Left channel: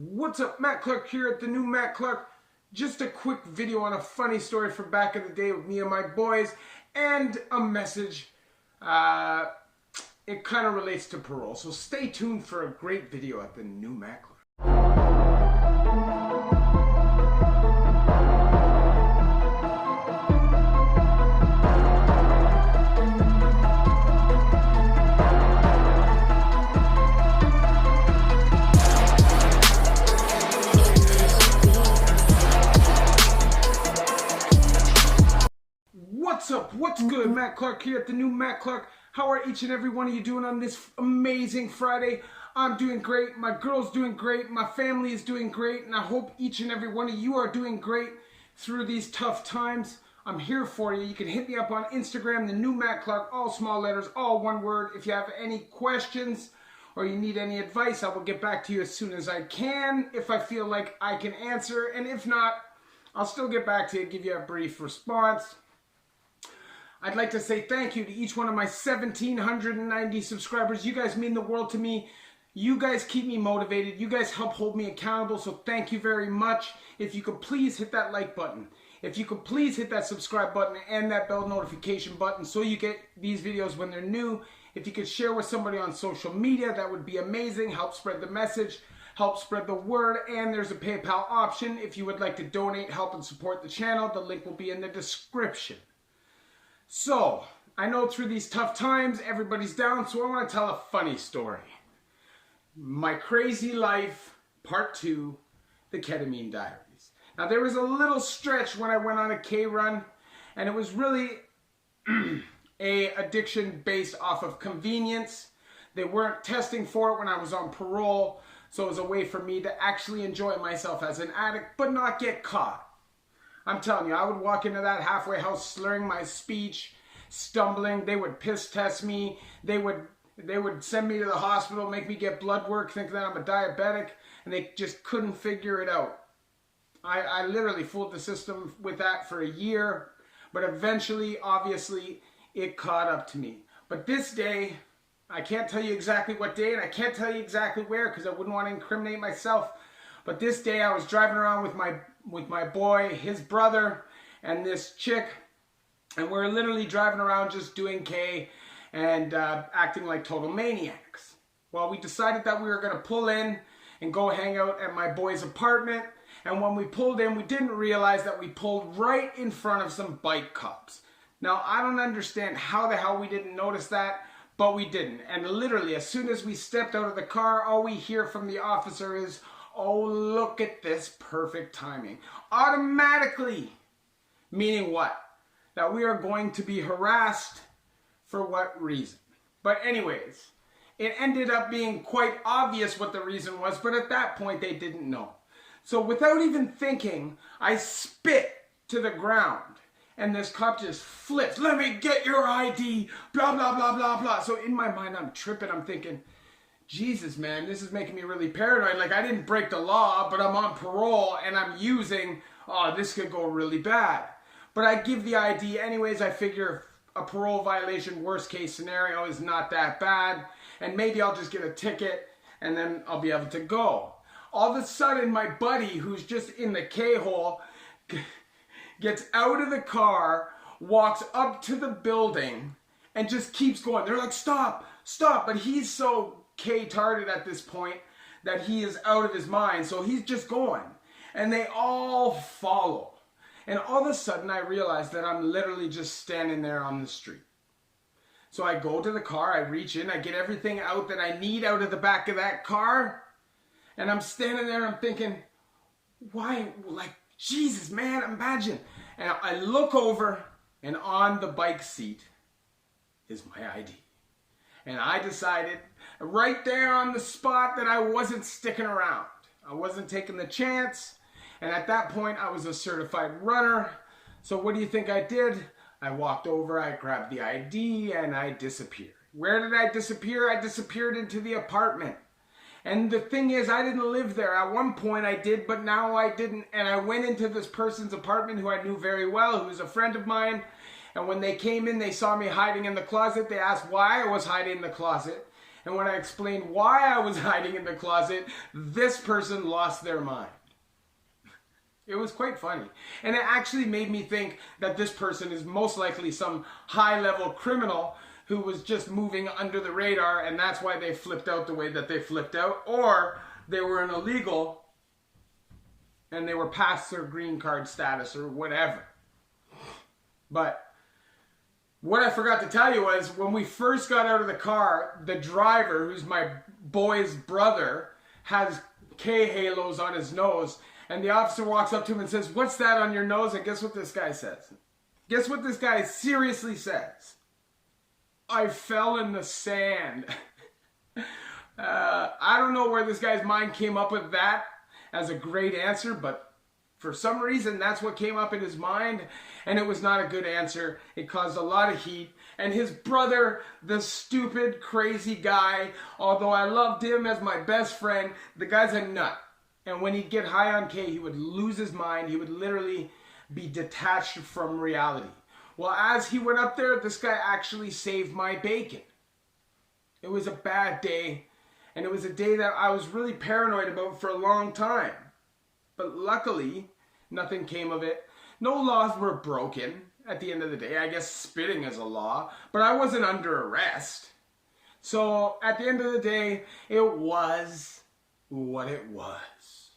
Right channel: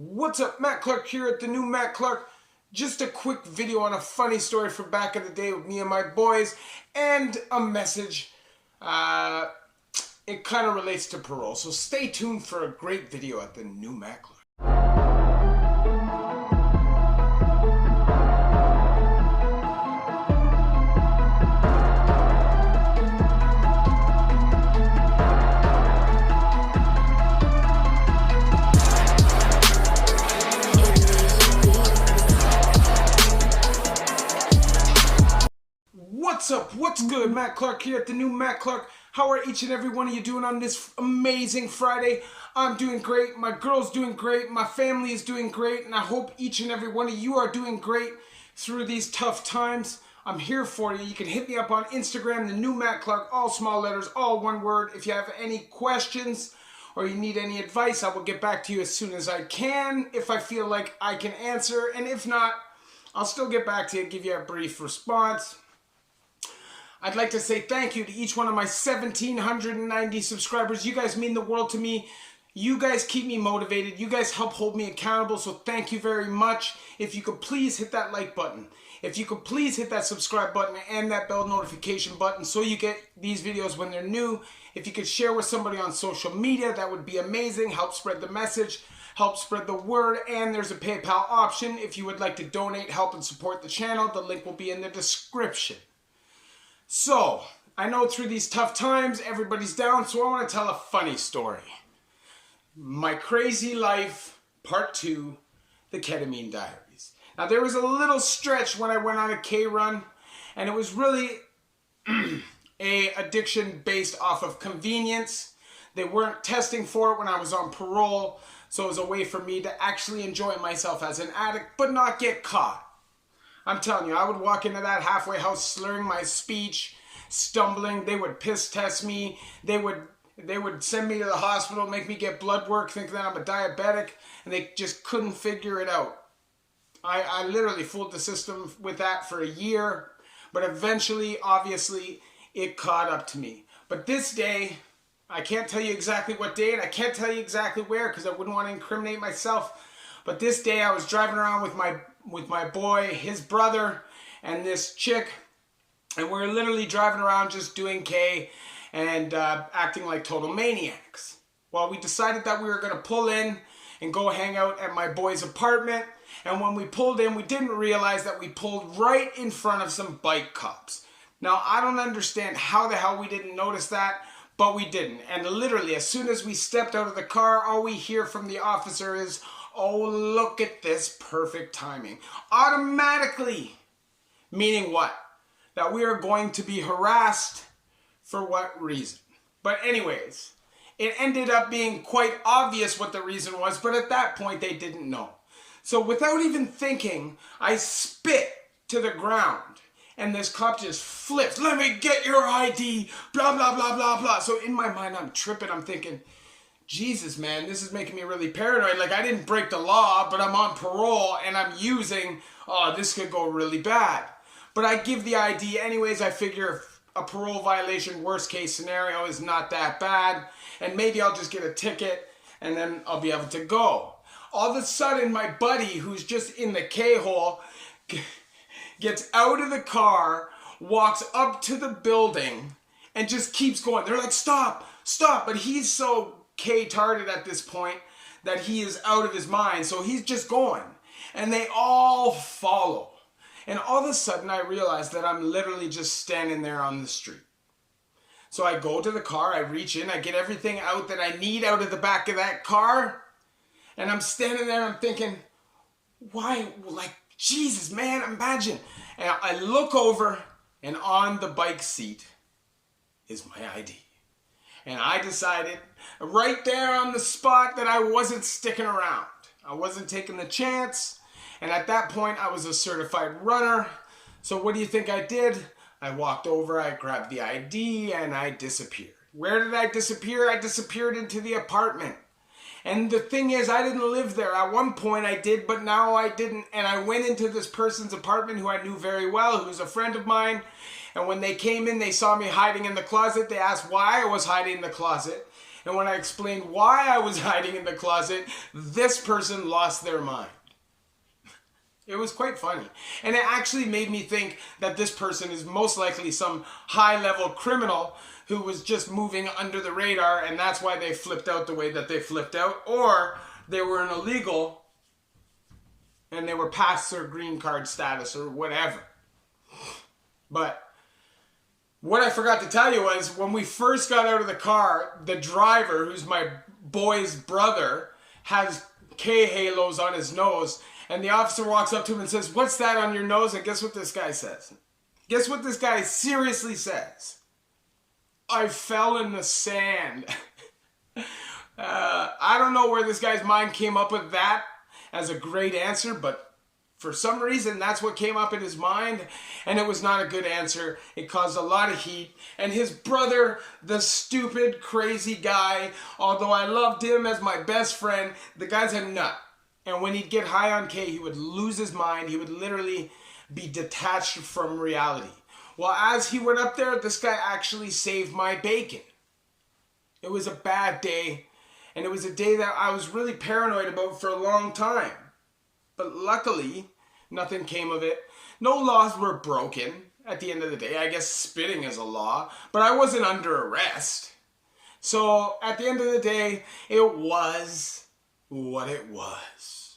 What's up, Matt Clark here at the new Matt Clark. Just a quick video on a funny story from back in the day with me and my boys, and a message. It kind of relates to parole, so stay tuned for a great video at the new Matt Clark. What's up? What's good? Matt Clark here at the new Matt Clark. How are each and every one of you doing on this amazing Friday? I'm doing great. My girl's doing great. My family is doing great. And I hope each and every one of you are doing great through these tough times. I'm here for you. You can hit me up on Instagram, the new Matt Clark, all small letters, all one word. If you have any questions or you need any advice, I will get back to you as soon as I can if I feel like I can answer. And if not, I'll still get back to you, give you a brief response. I'd like to say thank you to each one of my 1,790 subscribers. You guys mean the world to me. You guys keep me motivated. You guys help hold me accountable, so thank you very much. If you could please hit that like button. If you could please hit that subscribe button and that bell notification button so you get these videos when they're new. If you could share with somebody on social media, that would be amazing. Help spread the message. Help spread the word. And there's a PayPal option if you would like to donate, help, and support the channel. The link will be in the description. So, I know through these tough times, everybody's down, so I want to tell a funny story. My Crazy Life, Part 2, the Ketamine Diaries. Now, there was a little stretch when I went on a K run, and it was really a addiction based off of convenience. They weren't testing for it when I was on parole, so it was a way for me to actually enjoy myself as an addict, but not get caught. I'm telling you, I would walk into that halfway house slurring my speech, stumbling. They would piss test me. They would send me to the hospital, make me get blood work, thinking that I'm a diabetic, and they just couldn't figure it out. I literally fooled the system with that for a year, but eventually, obviously, it caught up to me. But this day, I can't tell you exactly what day, and I can't tell you exactly where because I wouldn't want to incriminate myself. But this day, I was driving around with my boy, his brother, and this chick, and we're literally driving around just doing K and acting like total maniacs. Well, we decided that we were going to pull in and go hang out at my boy's apartment, and when we pulled in, we didn't realize that we pulled right in front of some bike cops. Now, I don't understand how the hell we didn't notice that, but we didn't. And literally, as soon as we stepped out of the car, all we hear from the officer is, "Oh, look at this perfect timing." Automatically. Meaning what? That we are going to be harassed for what reason? But anyways, it ended up being quite obvious what the reason was, but at that point they didn't know. So without even thinking, I spit to the ground. And this cop just flips. "Let me get your ID, blah, blah, blah, blah, blah." So in my mind, I'm tripping. I'm thinking, Jesus, man, this is making me really paranoid. Like, I didn't break the law, but I'm on parole and I'm using, this could go really bad. But I give the ID anyways. I figure a parole violation, worst case scenario, is not that bad. And maybe I'll just get a ticket and then I'll be able to go. All of a sudden, my buddy, who's just in the K-hole, gets out of the car, walks up to the building, and just keeps going. They're like, "Stop, stop." But he's so K-tarded at this point that he is out of his mind, so he's just going. And they all follow. And all of a sudden, I realize that I'm literally just standing there on the street. So I go to the car, I reach in, I get everything out that I need out of the back of that car, and I'm standing there, I'm thinking, why, like, Jesus, man, imagine. And I look over, and on the bike seat is my ID. And I decided right there on the spot that I wasn't sticking around. I wasn't taking the chance. And at that point, I was a certified runner. So what do you think I did? I walked over, I grabbed the ID, and I disappeared. Where did I disappear? I disappeared into the apartment. And the thing is, I didn't live there. At one point I did, but now I didn't. And I went into this person's apartment who I knew very well, who's a friend of mine. And when they came in, they saw me hiding in the closet. They asked why I was hiding in the closet. And when I explained why I was hiding in the closet, this person lost their mind. It was quite funny. And it actually made me think that this person is most likely some high-level criminal who was just moving under the radar, and that's why they flipped out the way that they flipped out. Or they were an illegal and they were past their green card status or whatever. But what I forgot to tell you was when we first got out of the car, the driver, who's my boy's brother, has K-halos on his nose. And the officer walks up to him and says, "What's that on your nose?" And guess what this guy says? Guess what this guy seriously says? "I fell in the sand." I don't know where this guy's mind came up with that as a great answer, but for some reason, that's what came up in his mind, and it was not a good answer. It caused a lot of heat. And his brother, the stupid, crazy guy, although I loved him as my best friend, the guy's a nut. And when he'd get high on K, he would lose his mind. He would literally be detached from reality. Well, as he went up there, this guy actually saved my bacon. It was a bad day, and it was a day that I was really paranoid about for a long time. But luckily, nothing came of it. No laws were broken at the end of the day. I guess spitting is a law, but I wasn't under arrest. So at the end of the day, it was what it was.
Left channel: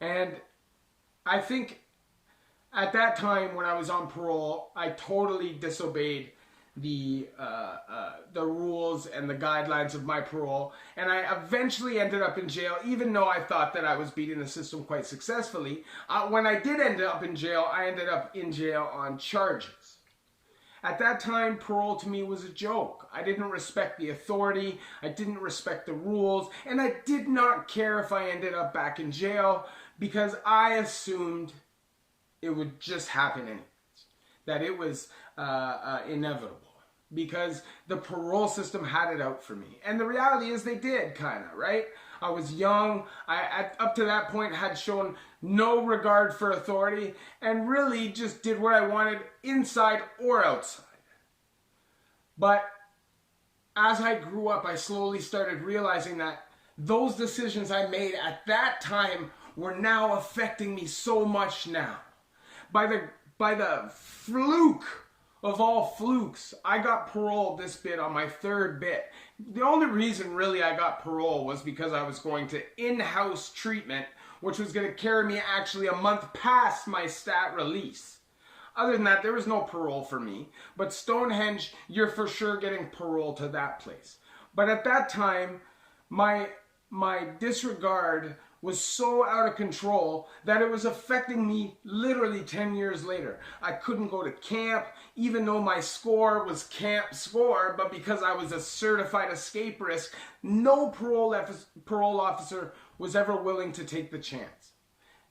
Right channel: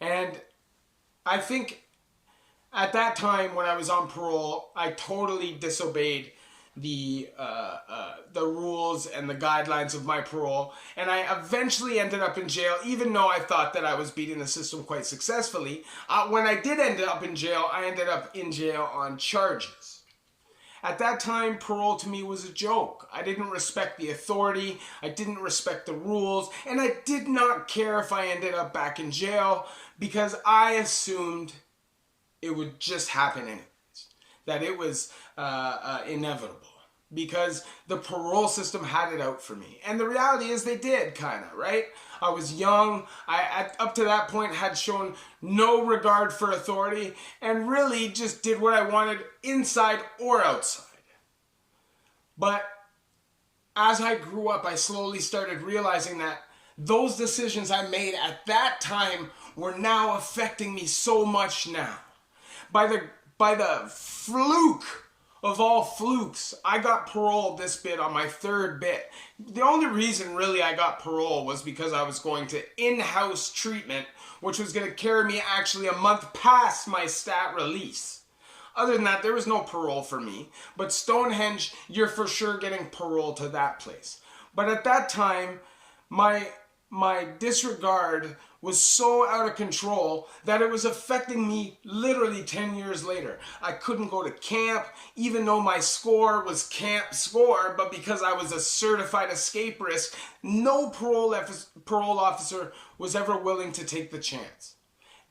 And I think at that time when I was on parole, I totally disobeyed the rules and the guidelines of my parole, and I eventually ended up in jail, even though I thought that I was beating the system quite successfully. When I did end up in jail, I ended up in jail on charges. At that time, parole to me was a joke. I didn't respect the authority, I didn't respect the rules, and I did not care if I ended up back in jail because I assumed it would just happen anyways, that it was inevitable because the parole system had it out for me. And the reality is they did, kind of, right? I was young. Up to that point, had shown no regard for authority and really just did what I wanted inside or outside. But as I grew up, I slowly started realizing that those decisions I made at that time were now affecting me so much now. By the fluke of all flukes, I got parole this bit on my third bit. The only reason really I got parole was because I was going to in-house treatment, which was going to carry me actually a month past my stat release. Other than that, there was no parole for me. But Stonehenge, you're for sure getting parole to that place. But at that time, my disregard was so out of control that it was affecting me literally 10 years later. I couldn't go to camp, even though my score was camp score, but because I was a certified escape risk, no parole officer was ever willing to take the chance.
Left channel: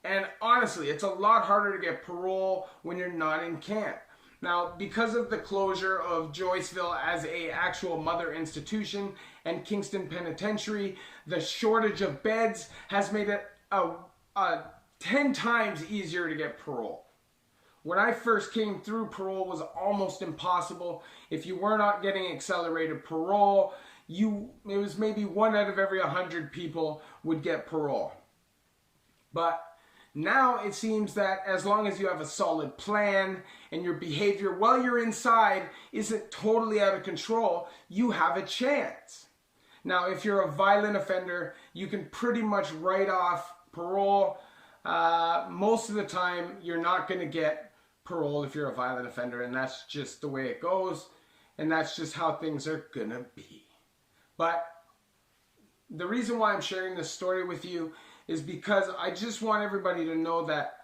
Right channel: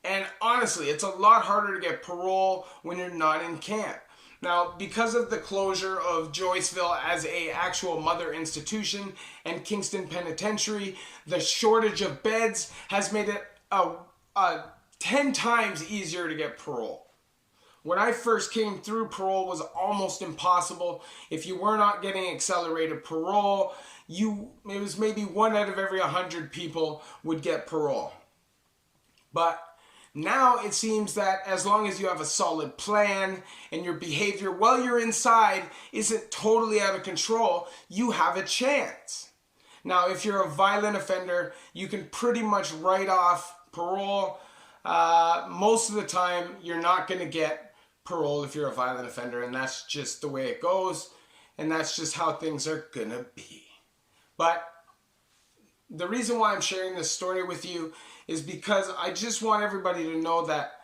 And honestly, it's a lot harder to get parole when you're not in camp. Now, because of the closure of Joyceville as a actual mother institution and Kingston Penitentiary, the shortage of beds has made it 10 times easier to get parole. When I first came through, parole was almost impossible. If you were not getting accelerated parole, it was maybe 1 out of every 100 people would get parole. But now it seems that as long as you have a solid plan and your behavior while you're inside isn't totally out of control, you have a chance. Now, if you're a violent offender, you can pretty much write off parole. Most of the time, you're not going to get parole if you're a violent offender, and that's just the way it goes, and that's just how things are going to be. But the reason why I'm sharing this story with you is because I just want everybody to know that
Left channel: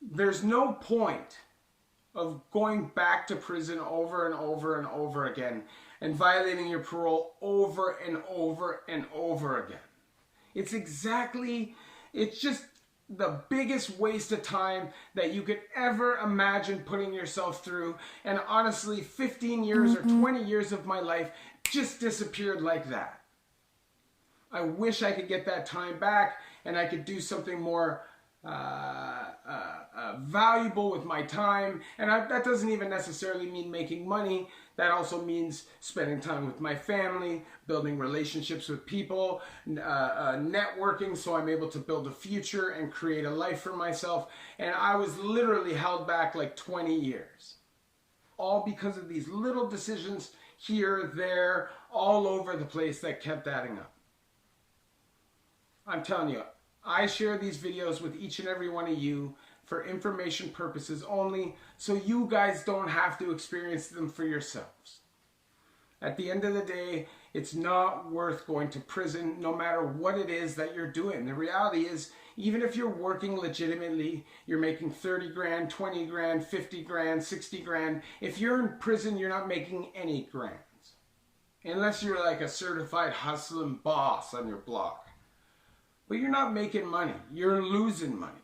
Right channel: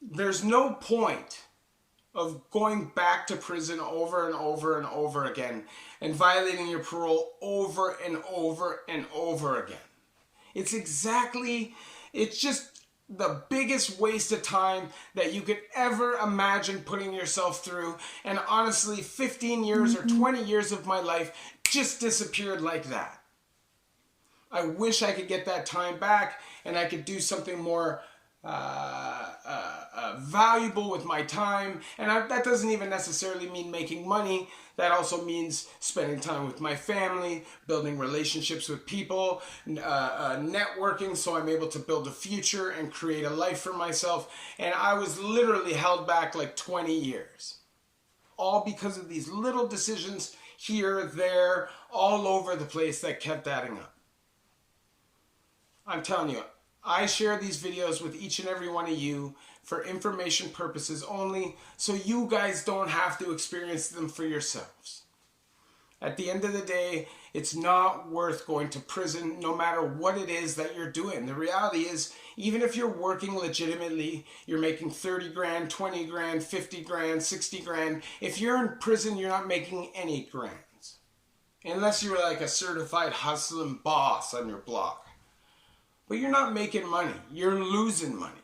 there's no point of going back to prison over and over and over again and violating your parole over and over and over again. It's just the biggest waste of time that you could ever imagine putting yourself through. And honestly, 15 years or 20 years of my life just disappeared like that. I wish I could get that time back and I could do something more valuable with my time. And that doesn't even necessarily mean making money. That also means spending time with my family, building relationships with people, networking so I'm able to build a future and create a life for myself. And I was literally held back like 20 years. All because of these little decisions here, there, all over the place that kept adding up. I'm telling you, I share these videos with each and every one of you for information purposes only, so you guys don't have to experience them for yourselves. At the end of the day, it's not worth going to prison no matter what it is that you're doing. The reality is, even if you're working legitimately, you're making 30 grand, 20 grand, 50 grand, 60 grand. If you're in prison, you're not making any grands. Unless you're like a certified hustling boss on your block. But you're not making money. You're losing money.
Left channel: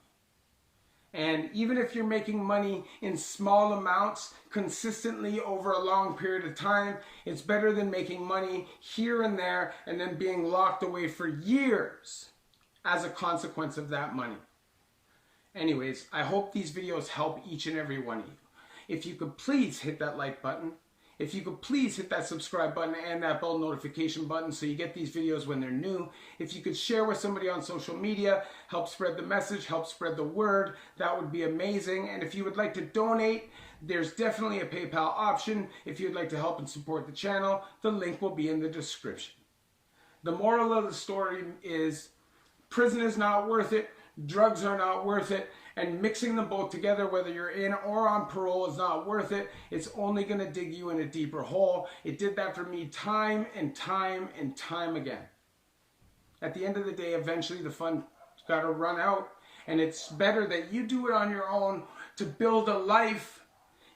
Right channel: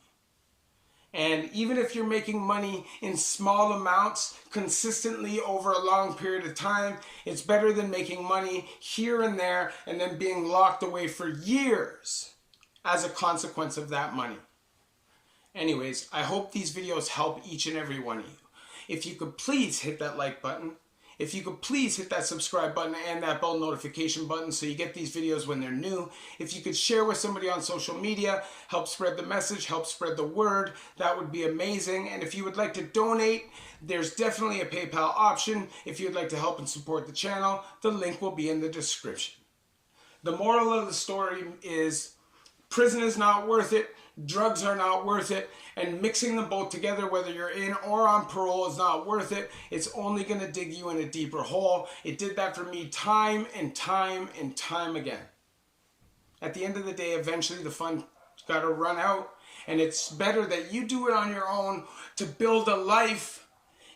And even if you're making money in small amounts consistently over a long period of time, it's better than making money here and there and then being locked away for years as a consequence of that money. Anyways, I hope these videos help each and every one of you. If you could please hit that like button. If you could please hit that subscribe button and that bell notification button so you get these videos when they're new. If you could share with somebody on social media, help spread the message, help spread the word, that would be amazing. And if you would like to donate, there's definitely a PayPal option. If you'd like to help and support the channel, the link will be in the description. The moral of the story is prison is not worth it, drugs are not worth it, and mixing them both together, whether you're in or on parole, is not worth it. It's only going to dig you in a deeper hole. It did that for me time and time and time again. At the end of the day, eventually the fun's got to run out, and it's better that you do it on your own to build a life,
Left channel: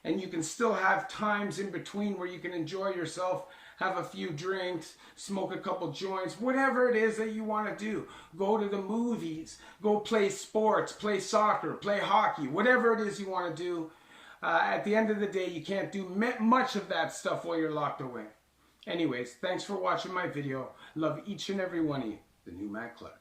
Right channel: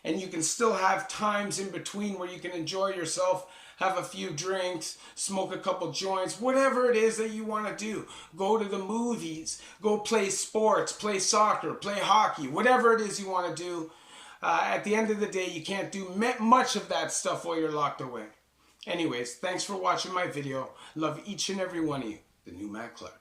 and you can still have times in between where you can enjoy yourself, have a few drinks, smoke a couple joints, whatever it is that you want to do. Go to the movies, go play sports, play soccer, play hockey, whatever it is you want to do. At the end of the day, you can't do much of that stuff while you're locked away. Anyways, thanks for watching my video. Love each and every one of you. The new Matt Clark.